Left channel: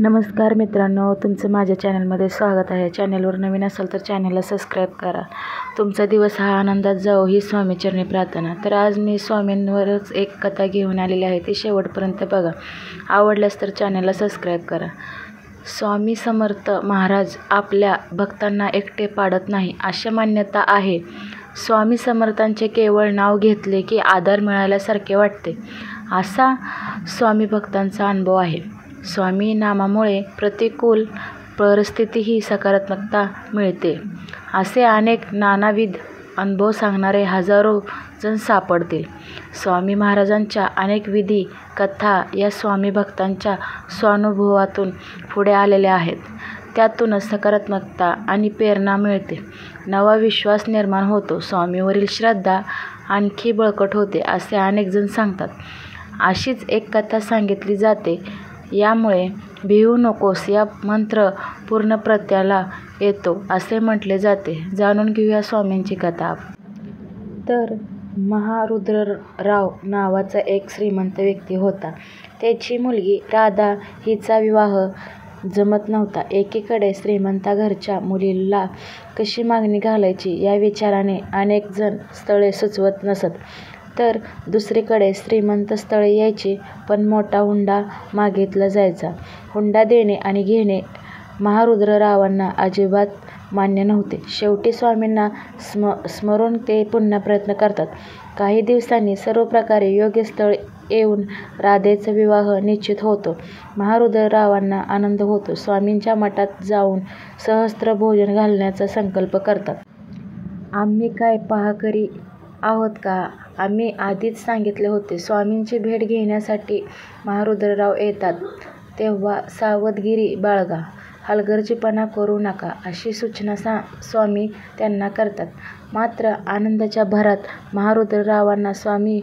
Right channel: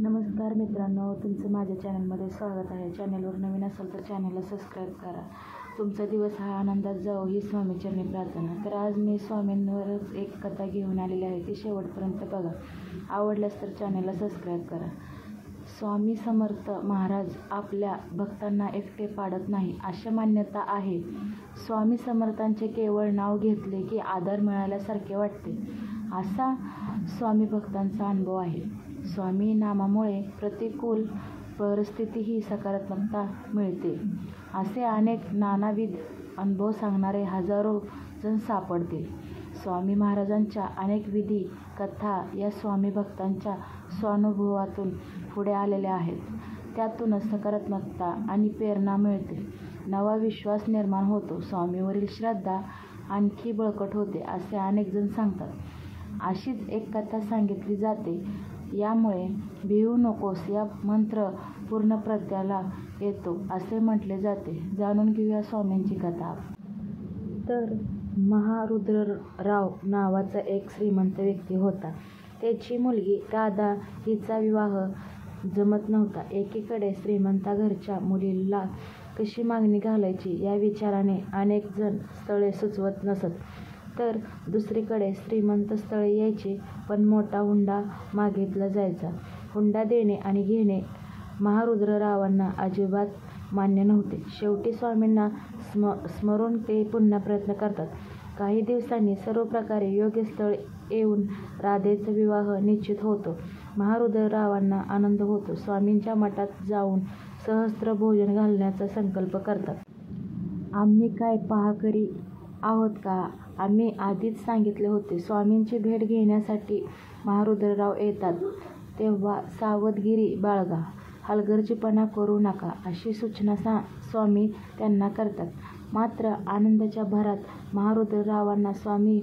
नमस्कार मित्रांनो, तुमचं माझ्या चॅनलमध्ये स्वागत आहे. चॅनलवर नवीन असाल तर चॅनलला सबस्क्राईब करा. तुमचा दिवस हा आनंदात जाओ ही स्वामीचरणी प्रार्थना. तर आज मी स्वामींवरच एक कथा घेऊन आलेली आहे, ती शेवटपर्यंत बघा. आवडल्यास तर चॅनलला सबस्क्राईब करा. स्वामी समर्थ महाराज आपल्या भक्तांना एकटे पाडत नाही अशी मान्यता आहे. स्वामी समर्थांचे केवळ नाव घेतले की आधार मिळाल्यासारखे वाटते, असा स्वामी भक्तांचा अनुभव आहे. स्वामी नामामुळे प्रतिकूल परिस्थितीही सकारात्मकता मिळते, असे अनेक नानाविध अनुभव सांगणारे हजारो जण सापडतील. स्वामी महाराजांच्या अनेक विधी कथा या स्वामी भक्तांच्या स्वानुभवातून पुढे आलेल्या आहेत. त्यातूनच सकारात्मकता आणि प्रेरणा मिळते, नवा विश्वास निर्माण होतो, स्वामीवरील श्रद्धा आणखी बळकट होते, असे अनेक जण सांगतात. अशीच एक कथा सांगितली जाते. यामुळे भिवू नकोस या मंत्र पूर्ण प्रत्याला येतो असे म्हटले जाते. जाणून घेऊया स्वामींची कथा. तर महारुद्रराव नावाचा एक श्रीमंत व्यक्ती होता. त्याची मुलगी राधा हिचा विवाह जमत नव्हता. एकीकडे श्रीमंता घरच्या मुलीला कशी मागणी घालायची या विचाराने अनेक जण स्थळे सुचवत नसत, तर दुसरीकडे श्रीमंत स्थळे यायची, पण मोठा हुंडा मागितला जायचा. हुंडा देणे आणि घेणे महारुद्ररावांना अजिबात मान्य नव्हते. शेवटी स्वामींना स्मरून ते पुन्हा प्रयत्न करतात. काही दिवसांनी सर्व प्रकारे योग्य स्थळ येऊन राधेचा विवाह निश्चित होतो. महारुद्ररावांना आनंद होतो. स्वामींच्या मठात जाऊन सहस्त्र भोजन घालण्याचा संकल्प करतात. आम्ही काय पहाकरी आहोत का? आम्ही आधीच सांगितले होते. स्वामींची भेट घेण्यासाठी महारुद्रराव येतात तेव्हा सावधगिरी बाळगा, हलगर्जीपणा करू नका अशी सूचना स्वामी त्यांना करतात. मात्र आनंदाच्या भरात महारुद्ररावांना स्वामी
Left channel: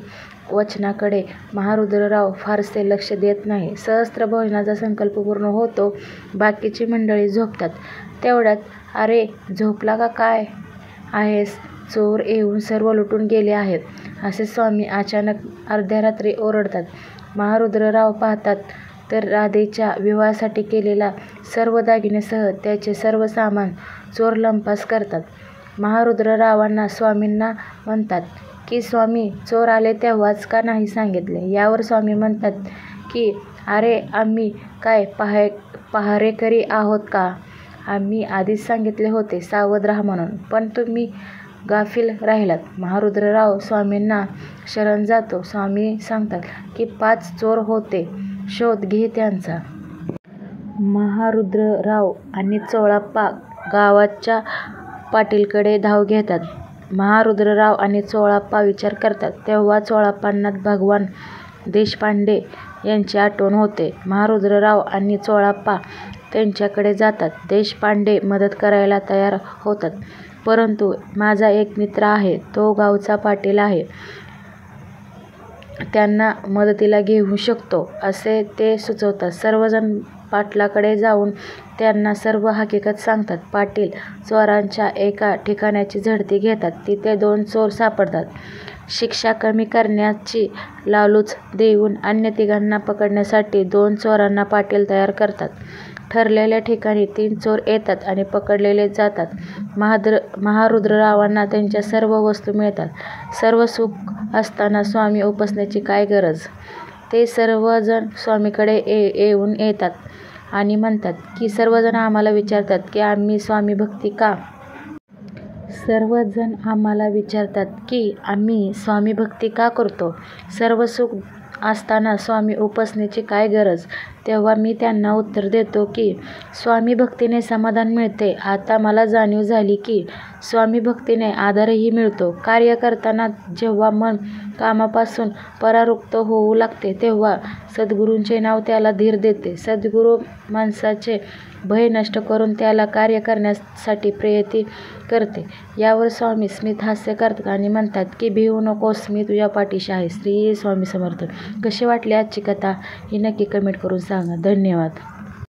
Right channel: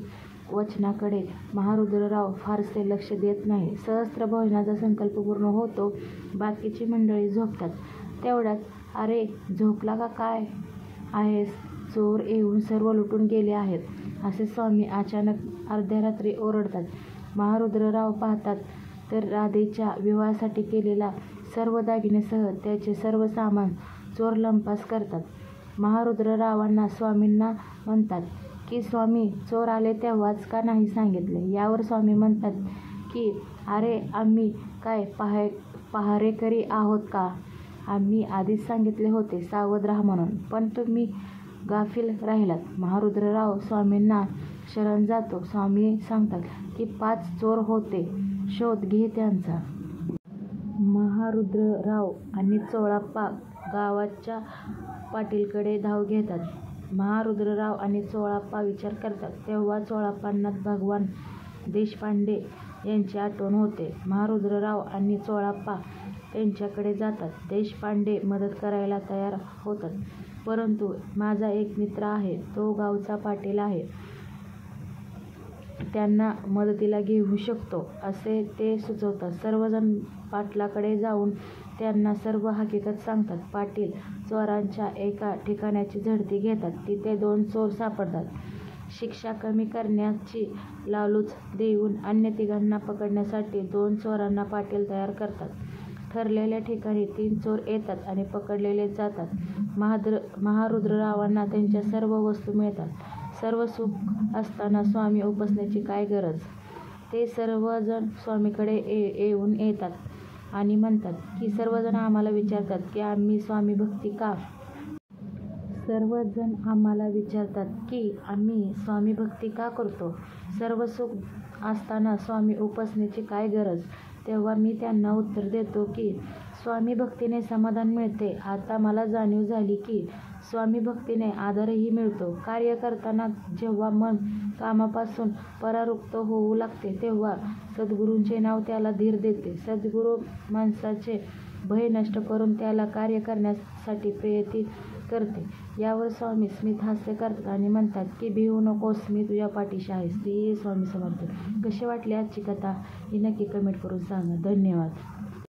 वचनाकडे महारुद्रराव फारसे लक्ष देत नाही. सहस्त्र भोजनाचा संकल्प पूर्ण होतो. बाकीची मंडळी झोपतात. तेवढ्यात, अरे झोपला का काय आहेस? चोर येऊन सर्व लुटून गेले आहेत, असे स्वामी अचानक अर्ध्या रात्री ओरडतात. महारुद्रराव पाहतात तर राधेच्या विवाहासाठी केलेला सर्व दागिनेसह त्याचे सर्व सामान चोर लंपास करतात. महारुद्ररावांना स्वामींना म्हणतात की स्वामी, चोर आले तेव्हाच का नाही सांगितले? यावर स्वामी म्हणतात की अरे आम्ही काय पहारेकरी आहोत का? आम्ही आधीच सांगितले होते सावध राहा म्हणून, पण तुम्ही गाफील राहिलात. महारुद्रराव स्वामींना शरण जातो. स्वामी सांगतात की 5 चोर होते, शोध घे त्यांचा. महारुद्रराव आणि चोळाप्पा गावाच्या पाटीलकडे धाव घेतात. महारुद्रराव आणि चोळाप्पा विचार करतात तेव्हा चोळाप्पांना भगवान देशपांडे यांची आठवण होते. महारुद्रराव आणि चोळाप्पा त्यांच्याकडे जातात. देशपांडे मदत करायला तयार होतात, परंतु माझा एक मित्र आहे, तो गावचा पाटील आहे, त्यांना मदतीला घेऊ शकतो असे ते सुचवतात. सर्वजण पाटलाकडे जाऊन त्यांना सर्व हकीकत सांगतात. पाटील चोरांच्या एका ठिकाणाची झडती घेतात. तिथे 2 चोर सापडतात. शिक्षा कमी करण्याची लालूच देऊन अन्य तिघांना पकडण्यासाठी 2 चोरांना पाटील तयार करतात. ठरलेल्या ठिकाणी 3 चोर येतात आणि पकडलेले जातात. महारुद्ररावांना त्यांच्या सर्व वस्तू मिळतात. सर्व सुख असताना स्वामी उपासनेची काय गरज? ते सर्वजण स्वामीकडे येऊन येतात आणि म्हणतात की सर्वजण आम्हाला विचारतात की आम्ही स्वामी भक्ती का सर्वजण आम्हाला विचारतात की आम्ही स्वामी भक्ती का करतो? सर्व सुख असताना स्वामी उपासनेची काय गरज? तेव्हा मी त्यांना उत्तर देतो की स्वामी भक्तीने समाधान मिळते. आता मला जाणीव झाली की स्वामी भक्तीने आधारही मिळतो. कार्य करताना जेव्हा मन कामापासून परावृत्त होऊ लागते तेव्हा सद्गुरूंचे नाव त्याला धीर देते. सद्गुरू माणसाचे भय नष्ट करून त्याला कार्य करण्यासाठी प्रेरित करते. यावर स्वामी स्मित हास्य करतात आणि म्हणतात की भिवू नकोस, मी तुझ्या पाठीशी आहे. श्री स्वामी समर्थ. कशी वाटली आजची कथा ही नक्की कमेंट करून सांगा. धन्यवाद.